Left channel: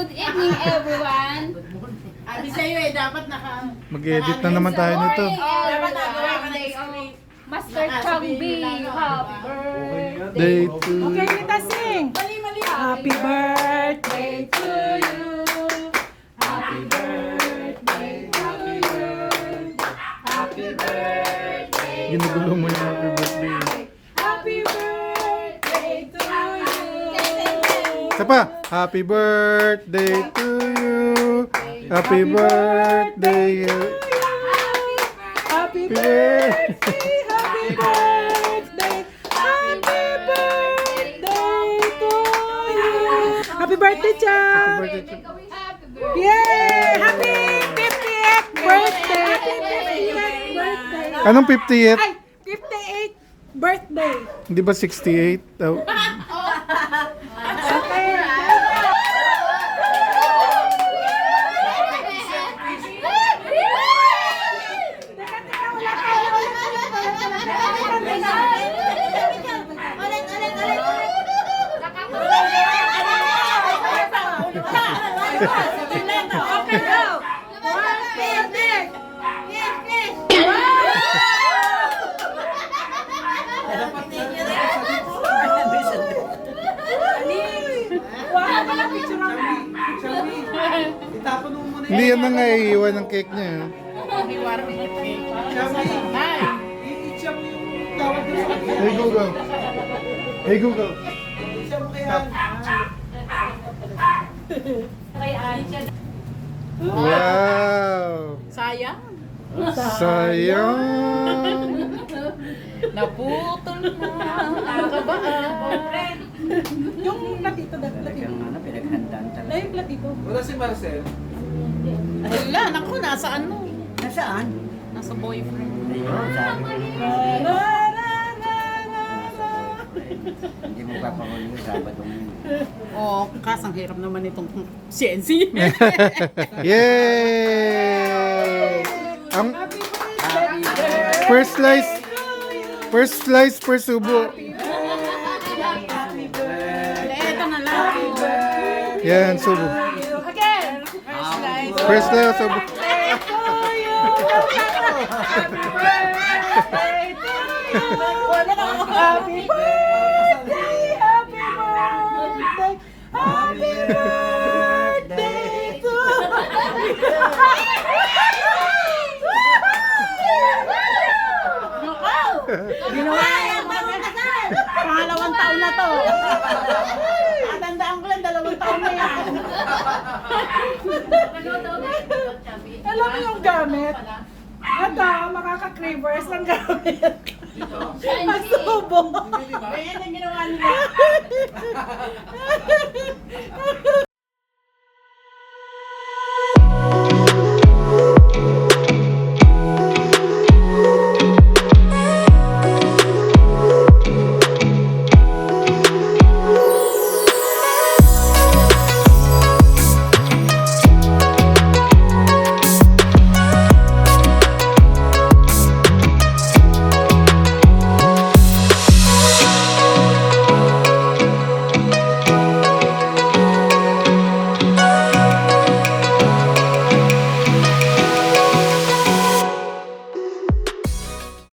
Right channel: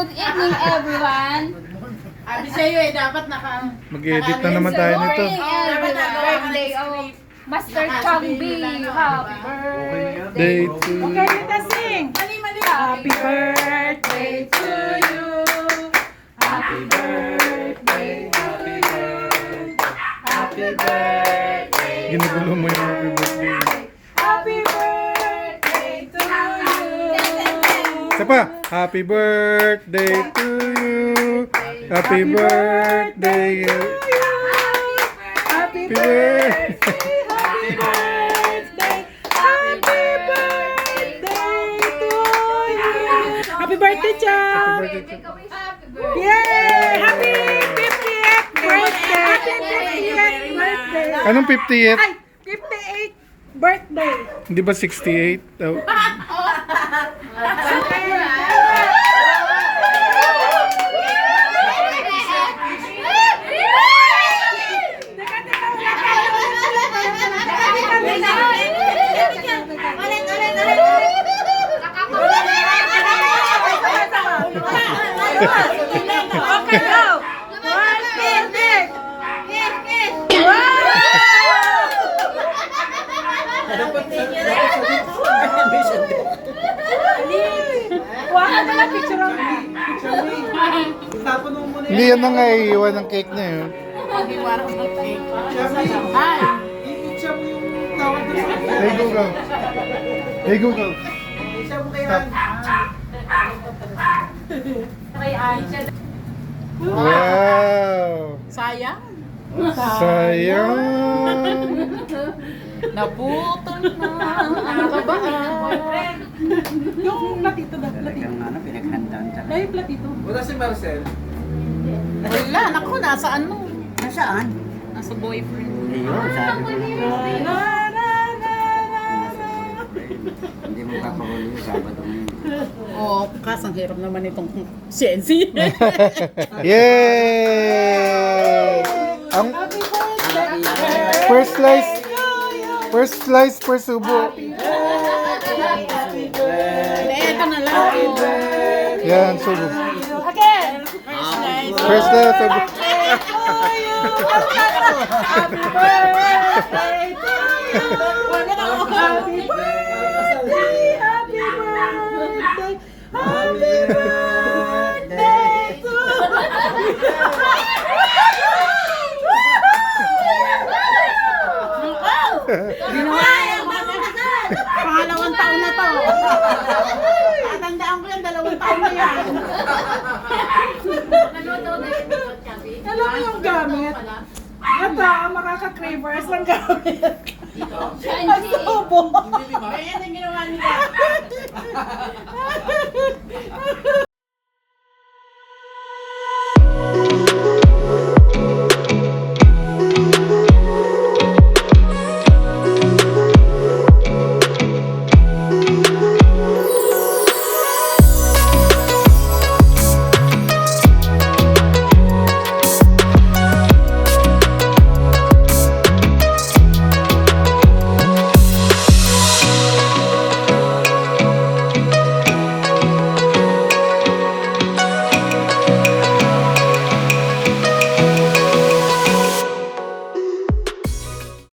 Good evening, everyone. Sabi sa'yo eh, dapat naka... Mag-edit na naman tayo nito. Dapat nagawa ka ng script. Master Chong B, happy birthday. Day to Okay, Rita, sing. Mali. Happy birthday to you. Happy birthday to you. Happy birthday. Ginugulo mo yung happy birthday. Happy birthday to you. Isa pa. Happy birthday to you. Happy birthday. Happy birthday. birthday. Happy birthday. Happy birthday to you. Happy birthday, Happy Chow. birthday to Yay! Happy 50th birthday! Happy 50th birthday! Anong 50th? Ay, 58th birthday! Hindi ba 68? Oh. Okay. Okay, go! One, two, three! Wala na lang picture of me. Hindi yan na nga iiwan ng cake niya. Yun. Hey Google. Hey Google. Wow! Sayang. Sayang! Naputol na. Nakakabaan. Yung platito na. Dahil platito. Wala si Marcel. Wala, naku, nasaan mo? Nasaan? Nasa boyfriend. Ayun, sabi ko. Na. Hindi mo papahuli yung Sabado ngayon. Oh, kasang hirap naman itong CNC. Yay! Ang first slice, first subo. Ito na lang. Yan, subo. Again. First slice, subo. Happy birthday to you. Happy birthday. Happy birthday. Happy birthday to Ginawa yan. Pangalawang taon na to. Tatandaan ko lang, 2 taon na yan. Alam mo yung gamit? Ito, makaka-cravers ng gamit. Nagsubo. Ayan ang ginawa nila.